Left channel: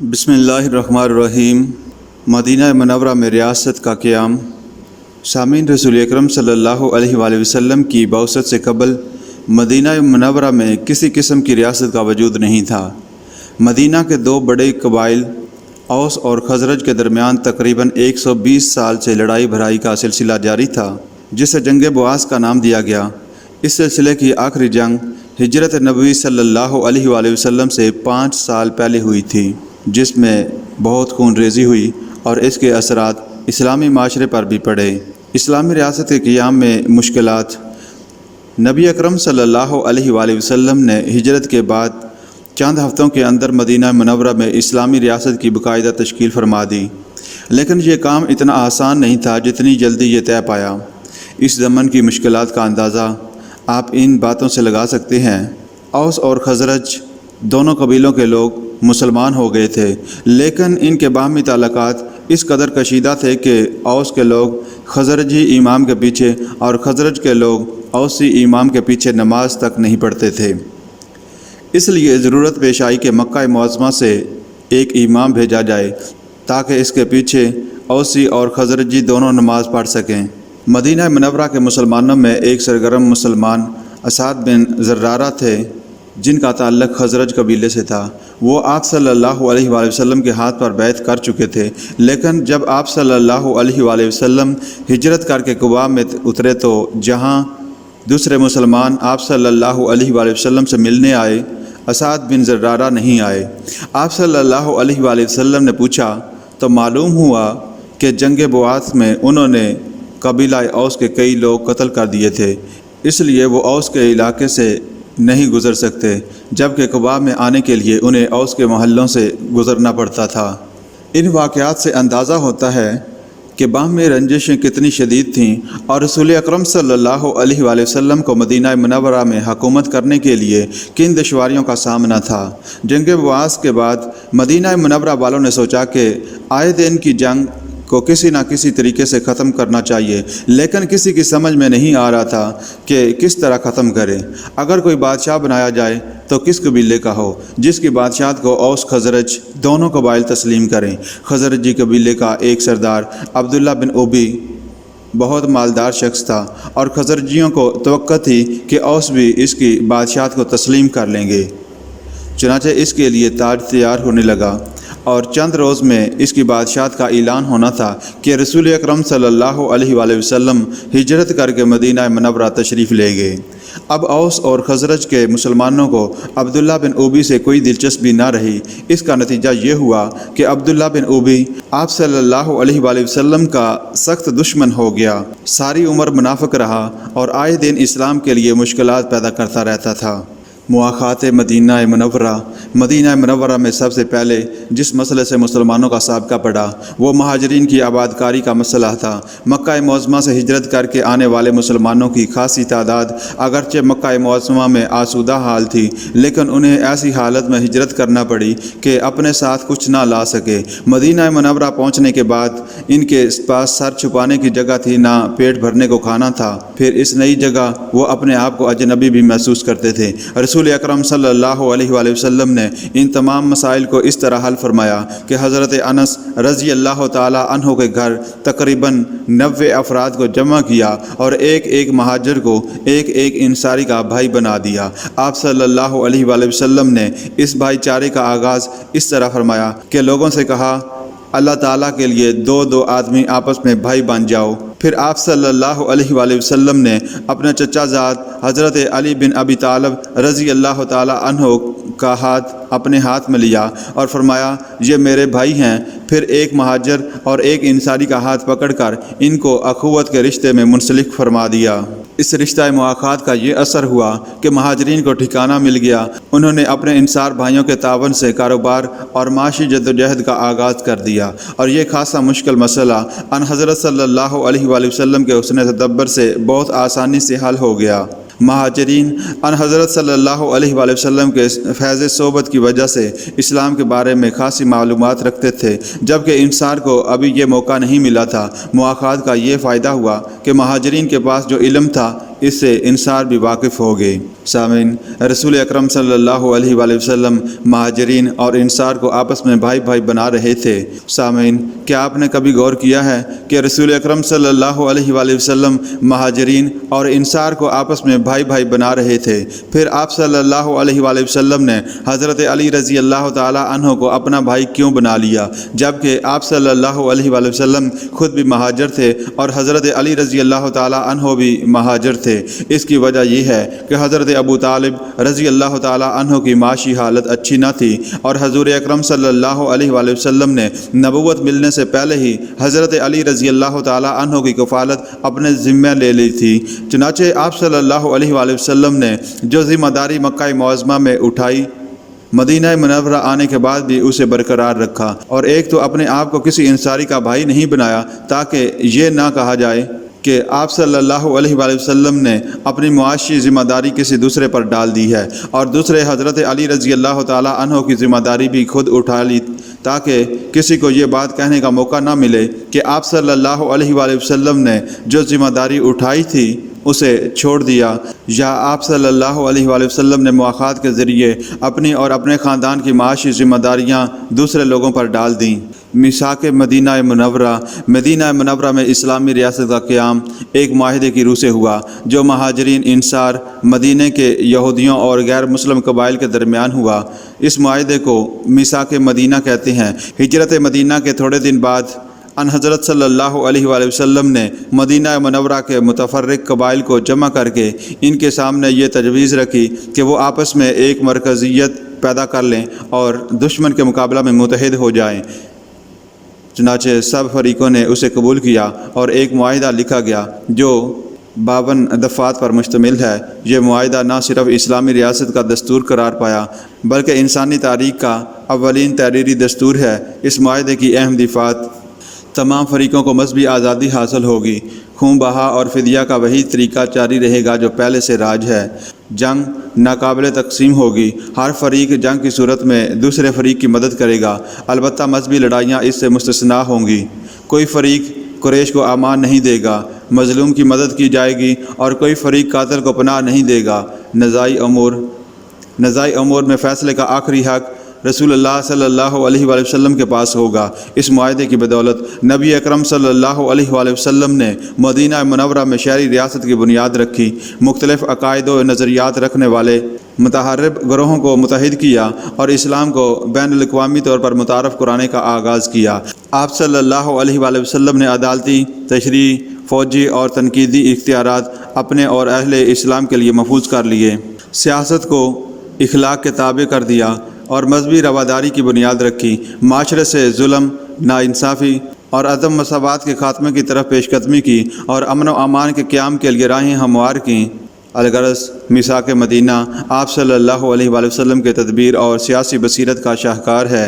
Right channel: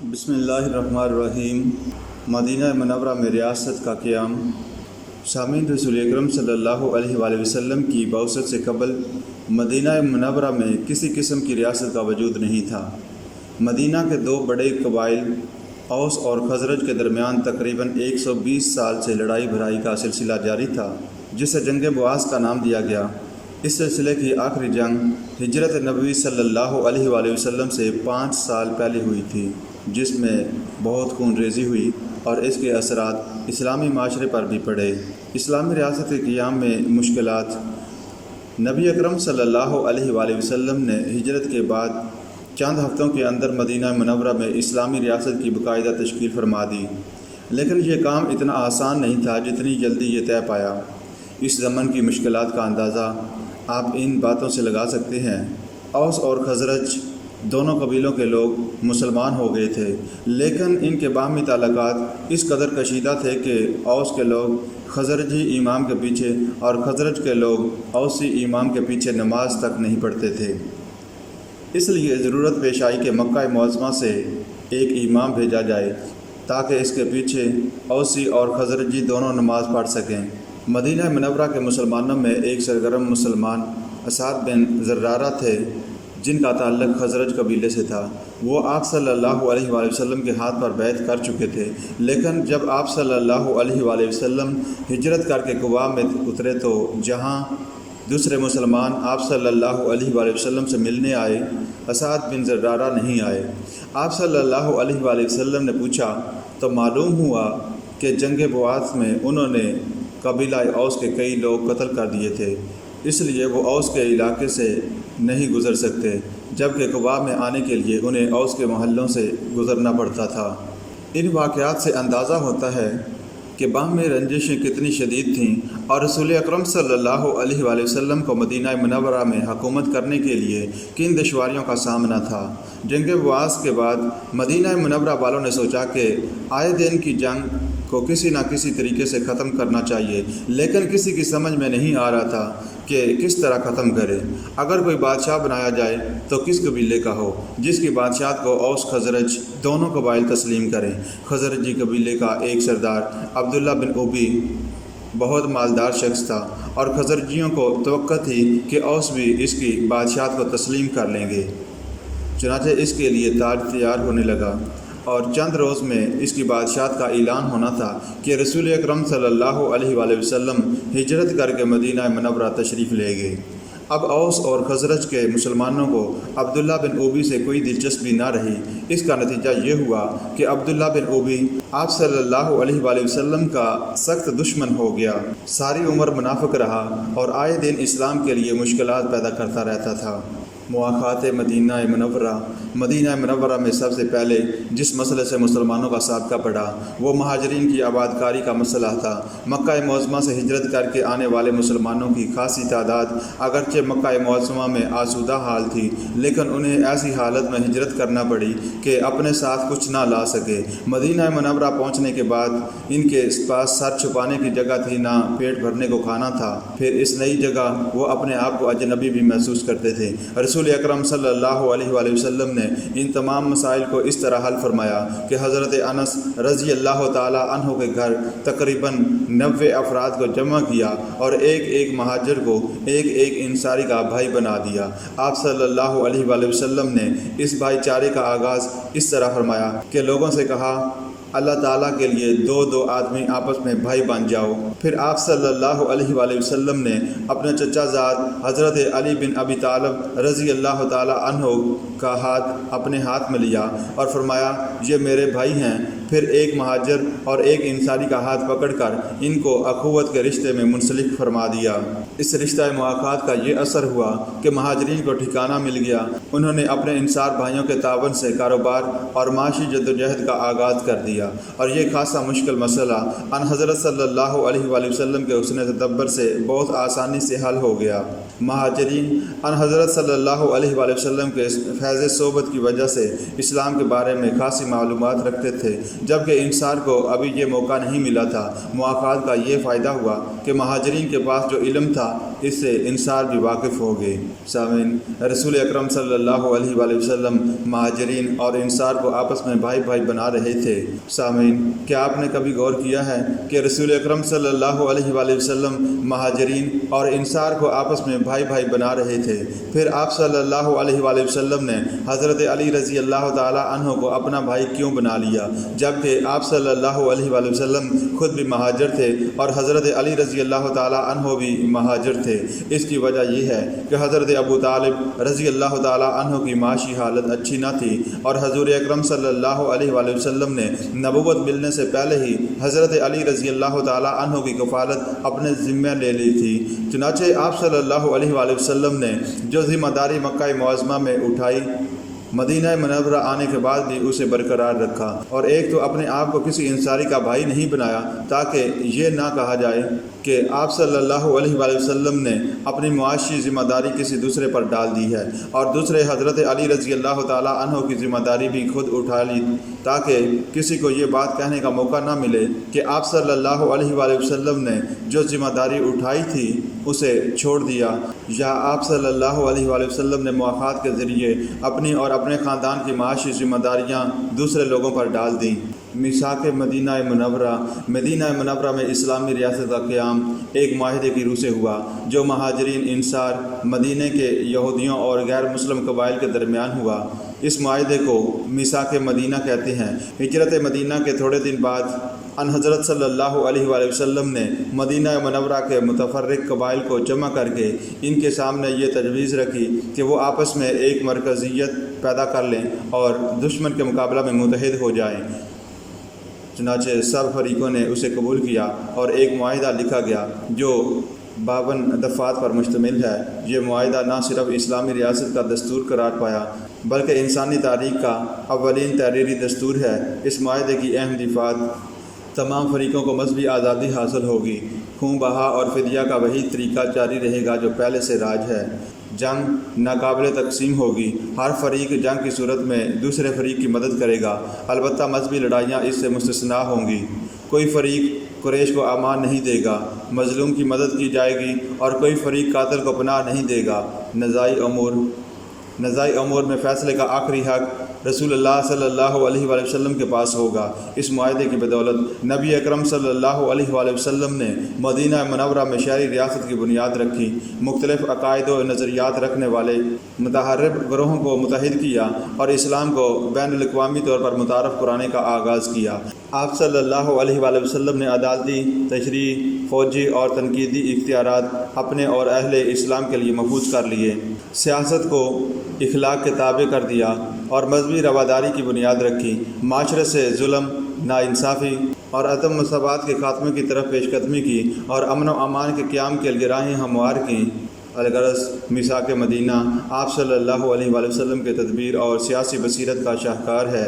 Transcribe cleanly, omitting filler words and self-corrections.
بسم اللہ الرحمن الرحیم۔ مدینہ منورہ میں ریاست کا قیام۔ سامعین، رسول اکرم صلی اللہ علیہ وآلہ وسلم کی بعثت سے قبل مدینہ منورہ میں کسی قسم کی ریاست کا وجود نہیں تھا۔ مدینہ کے دو بڑے قبائل اوس اور خزرج کے درمیان تقریباً 120 سال سے لڑائی بھرائی کا سلسلہ جاری تھا، جسے جنگ بعاث کا نام دیا گیا۔ اس سلسلے کی آخری جنگ ہجرت نبوی صلی اللہ علیہ وآلہ وسلم سے 5 سال پہلے ہوئی تھی، جس میں بہت خون ریزی ہوئی اور اس کے اثرات اسلامی معاشرے پر بھی پڑے۔ اسلامی ریاست کے قیام میں مشکلات۔ نبی اکرم صلی اللہ علیہ وآلہ وسلم نے ہجرت کے بعد چند ہفتوں کے اندر مدینہ منورہ میں اسلامی ریاست کی باقاعدہ تشکیل فرما دی، لیکن یہ کام اتنا آسان نہیں تھا جتنی جلدی یہ طے پایا۔ اس زمن کی مشکلات کا اندازہ آپ ان باتوں سے لگا سکتے ہیں۔ اوس اور خزرج دونوں قبیلوں کے لوگ مسلمان ہو گئے تھے، لیکن ان کے باہمی تعلقات اس قدر کشیدہ تھے کہ اوس کے لوگ خزرجی امام کے پیچھے اور خزرج کے لوگ اوسی امام کے پیچھے نماز تک نہیں پڑھتے تھے۔ اس لیے ضرورت پیش آئی کہ مکہ معظمہ سے ایک امام بھیجا جائے تاکہ اس کے پیچھے اوسی اور خزرجی دونوں نماز پڑھ سکیں۔ مدینہ منورہ کے مسلمانوں میں ایک سرگرم مسلمان اسعد بن زرارہ تھے، جن کا تعلق خزرج قبیلے سے تھا۔ وہ آپ صلی اللہ علیہ وآلہ وسلم کے ہاتھ پر بیعت کر چکے تھے، لیکن جب آپ صلی اللہ علیہ وآلہ وسلم ہجرت کر کے قباء میں اترے تو جہاں دوسرے مسلمان آپ صلی اللہ علیہ وآلہ وسلم سے ملنے آئے، اسعد بن زرارہ نہیں آئے۔ آپ صلی اللہ علیہ وآلہ وسلم نے پوچھا تو معلوم ہوا کہ جنگ بعاث میں انہوں نے قبیلہ اوس کے کئی لوگ قتل کر دیے تھے، اس لیے وہ اوس کے علاقے سے نہیں گزر سکتے، جبکہ قباء میں آنے کے لیے انہیں اوس کے محلوں سے گزرنا پڑتا تھا۔ ان واقعات سے اندازہ ہوتا ہے کہ باہمی رنجشیں کتنی شدید تھیں اور رسول اکرم صلی اللہ علیہ وآلہ وسلم کو مدینہ منورہ میں حکومت کرنے کے لیے کن دشواریوں کا سامنا تھا۔ جنگ بعاث کے بعد مدینہ منورہ والوں نے سوچا کہ آئے دن کی جنگ کو کسی نہ کسی طریقے سے ختم کرنا چاہیے، لیکن کسی کی سمجھ میں نہیں آ رہا تھا کہ کس طرح ختم کرے۔ اگر کوئی بادشاہ بنایا جائے تو کس قبیلے کا ہو جس کی بادشاہت کو اوس خزرج دونوں قبائل تسلیم کریں۔ خزرجی قبیلے کا ایک سردار عبداللہ بن ابی بہت مالدار شخص تھا اور خزرجیوں کو توقع تھی کہ اوس بھی اس کی بادشاہت کو تسلیم کر لیں گے، چنانچہ اس کے لیے تاج تیار ہونے لگا اور چند روز میں اس کی بادشاہت کا اعلان ہونا تھا کہ رسول اکرم صلی اللہ علیہ وآلہ وسلم ہجرت کر کے مدینہ منورہ تشریف لے گئے۔ اب اوس اور خزرج کے مسلمانوں کو عبداللہ بن ابی سے کوئی دلچسپی نہ رہی۔ اس کا نتیجہ یہ ہوا کہ عبداللہ بن ابی آپ صلی اللہ علیہ وآلہ وسلم کا سخت دشمن ہو گیا، ساری عمر منافق رہا اور آئے دن اسلام کے لیے مشکلات پیدا کرتا رہتا تھا۔ مواخات مدینہ منورہ میں سب سے پہلے جس مسئلے سے مسلمانوں کا سابقہ پڑا وہ مہاجرین کی آباد کاری کا مسئلہ تھا۔ مکہ معظمہ سے ہجرت کر کے آنے والے مسلمانوں کی خاصی تعداد اگرچہ مکہ معظمہ میں آسودہ حال تھی، لیکن انہیں ایسی حالت میں ہجرت کرنا پڑی کہ اپنے ساتھ کچھ نہ لا سکے۔ مدینہ منورہ پہنچنے کے بعد ان کے پاس سر چھپانے کی جگہ تھی، نہ پیٹ بھرنے کو کھانا تھا، پھر اس نئی جگہ وہ اپنے آپ کو اجنبی بھی محسوس کرتے تھے۔ رسول اکرم صلی اللہ علیہ وآلہ وسلم نے ان تمام مسائل کو اس طرح حل فرمایا کہ حضرت انس رضی اللہ تعالی عنہ کے گھر تقریباً 90 افراد کو جمع کیا اور ایک ایک مہاجر کو ایک ایک انصاری کا بھائی بنا دیا۔ آپ صلی اللہ علیہ وآلہ وسلم نے اس بھائی چارے کا آغاز اس طرح فرمایا کہ لوگوں سے کہا، اللہ تعالیٰ کے لیے دو آدمی آپس میں بھائی بن جاؤ۔ پھر آپ صلی اللہ علیہ وآلہ وسلم نے اپنے چچا زاد حضرت علی بن ابی طالب رضی اللہ تعالی عنہ کا ہاتھ اپنے ہاتھ میں لیا اور فرمایا، یہ میرے بھائی ہیں۔ پھر ایک مہاجر اور ایک انصاری کا ہاتھ پکڑ کر ان کو اخوت کے رشتے میں منسلک فرما دیا۔ اس رشتہ مواخات کا یہ اثر ہوا کہ مہاجرین کو ٹھکانہ مل گیا۔ انہوں نے اپنے انصار بھائیوں کے تعاون سے کاروبار اور معاشی جدوجہد کا آغاز کر دیا، اور یہ خاصا مشکل مسئلہ ان حضرت صلی اللہ علیہ وآلہ وسلم کے حسن تدبر سے بہت آسانی سے حل ہو گیا۔ مہاجرین ان حضرت صلی اللہ علیہ وآلہ وسلم کے فیض صحبت کی وجہ سے اسلام کے بارے میں خاصی معلومات رکھتے تھے، جبکہ انصار کو ابھی یہ موقع نہیں ملا تھا۔ مواخات کا یہ فائدہ ہوا کہ مہاجرین کے پاس جو علم تھا اس سے انصار بھی واقف ہو گئے۔ سامعین، رسول اکرم صلی اللہ علیہ وآلہ وسلم مہاجرین اور انصار کو آپس میں بھائی بھائی بنا رہے تھے۔ سامعین، کیا آپ نے کبھی غور کیا ہے کہ رسول اکرم صلی اللہ علیہ وآلہ وسلم مہاجرین اور انصار کو آپس میں بھائی بھائی بنا رہے تھے؟ پھر آپ صلی اللہ علیہ وآلہ وسلم نے حضرت علی رضی اللہ تعالی عنہ کو اپنا بھائی کیوں بنا لیا، جبکہ آپ صلی اللہ علیہ وآلہ وسلم خود بھی مہاجر تھے اور حضرت علی رضی اللہ تعالی عنہ بھی مہاجر تھے؟ اس کی وجہ یہ ہے کہ حضرت ابو طالب رضی اللہ تعالی عنہ کی معاشی حالت اچھی نہ تھی، اور حضور اکرم صلی اللہ علیہ وآلہ وسلم نے نبوت ملنے سے پہلے ہی حضرت علی رضی اللہ تعالی عنہ کی کفالت اپنے ذمہ لے لی تھی۔ چنانچہ آپ صلی اللہ علیہ وآلہ وسلم نے جو ذمہ داری مکہ معظمہ میں اٹھائی، مدینہ منورہ آنے کے بعد بھی اسے برقرار رکھا، اور ایک تو اپنے آپ کو کسی انصاری کا بھائی نہیں بنایا تاکہ یہ نہ کہا جائے کہ آپ صلی اللہ علیہ وآلہ وسلم نے اپنی معاشی ذمہ داری کسی دوسرے پر ڈال دی ہے، اور دوسرے حضرت علی رضی اللہ تعالی عنہ کی ذمہ داری بھی خود اٹھا لی تاکہ کسی کو یہ بات کہنے کا موقع نہ ملے کہ آپ صلی اللہ علیہ وآلہ وسلم نے جو ذمہ داری اٹھائی تھی اسے چھوڑ دیا، یا آپ صلی اللہ علیہ وآلہ وسلم نے مواخات کے ذریعے اپنی اور اپنے خاندان کی معاشی ذمہ داریاں دوسرے لوگوں پر ڈال دیں۔ میثاق مدینہ منورہ میں اسلامی ریاست کا قیام ایک معاہدے کی روح سے ہوا، جو مہاجرین انصار مدینہ کے یہودیوں اور غیر مسلم قبائل کے درمیان ہوا۔ اس معاہدے کو میثاق مدینہ کہتے ہیں۔ ہجرت مدینہ کے تھوڑے دن بعد ان حضرت صلی اللہ علیہ وآلہ وسلم نے مدینہ منورہ کے متفرق قبائل کو جمع کر کے ان کے سامنے یہ تجویز رکھی کہ وہ آپس میں ایک مرکزیت پیدا کر لیں اور دشمن کے مقابلہ میں متحد ہو جائیں۔ چنانچہ سب فریقوں نے اسے قبول کیا اور ایک معاہدہ لکھا گیا جو 52 دفعات پر مشتمل ہے۔ یہ معاہدہ نہ صرف اسلامی ریاست کا دستور قرار پایا بلکہ انسانی تاریخ کا اولین تحریری دستور ہے۔ اس معاہدے کی اہم دفعات: تمام فریقوں کو مذہبی آزادی حاصل ہوگی، خون بہا اور فدیہ کا وہی طریقہ جاری رہے گا جو پہلے سے راج ہے، جنگ ناقابل تقسیم ہوگی، ہر فریق جنگ کی صورت میں دوسرے فریق کی مدد کرے گا، البتہ مذہبی لڑائیاں اس سے مستثنیٰ ہوں گی، کوئی فریق قریش کو امان نہیں دے گا، مظلوم کی مدد کی جائے گی اور کوئی فریق قاتل کو پناہ نہیں دے گا۔ نزاعی امور میں فیصلے کا آخری حق رسول اللہ صلی اللہ علیہ وآلہ وسلم کے پاس ہوگا۔ اس معاہدے کی بدولت نبی اکرم صلی اللہ علیہ وآلہ وسلم نے مدینہ منورہ میں شہری ریاست کی بنیاد رکھی، مختلف عقائد و نظریات رکھنے والے متحرب گروہوں کو متحد کیا اور اسلام کو بین الاقوامی طور پر متعارف کرانے کا آغاز کیا۔ آپ صلی اللہ علیہ وآلہ وسلم نے عدالتی، تشریعی، فوجی اور تنقیدی اختیارات اپنے اور اہل اسلام کے لیے محفوظ کر لیے، سیاست کو اخلاق کے تابع کر دیا اور مذہبی رواداری کی بنیاد رکھی، معاشرے سے ظلم، ناانصافی اور عدم مساوات کے خاتمے کی طرف پیش قدمی کی اور امن و امان کے قیام کے لیے راہیں ہموار کیں۔ الغرض میثاق مدینہ آپ صلی اللہ علیہ وآلہ وسلم کے تدبیر اور سیاسی بصیرت کا شاہکار ہے۔